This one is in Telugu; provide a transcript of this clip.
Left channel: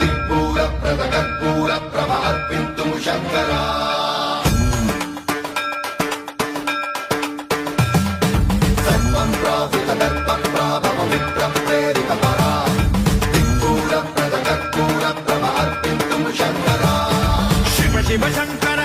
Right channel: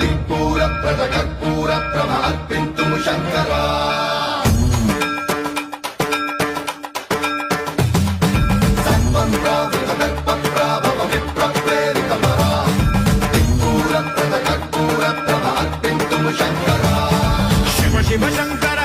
దిక్పూర ప్రజగర్పూర ప్రభ అర్పింతుము శంకరా సర్వం ప్రావృత దర్ప ప్రాభవ విప్ర ప్రేరిత పరా దిక్పూర ప్రజగర్పూర ప్రభ అర్పింతుము శంకరా శివ శివ శంకర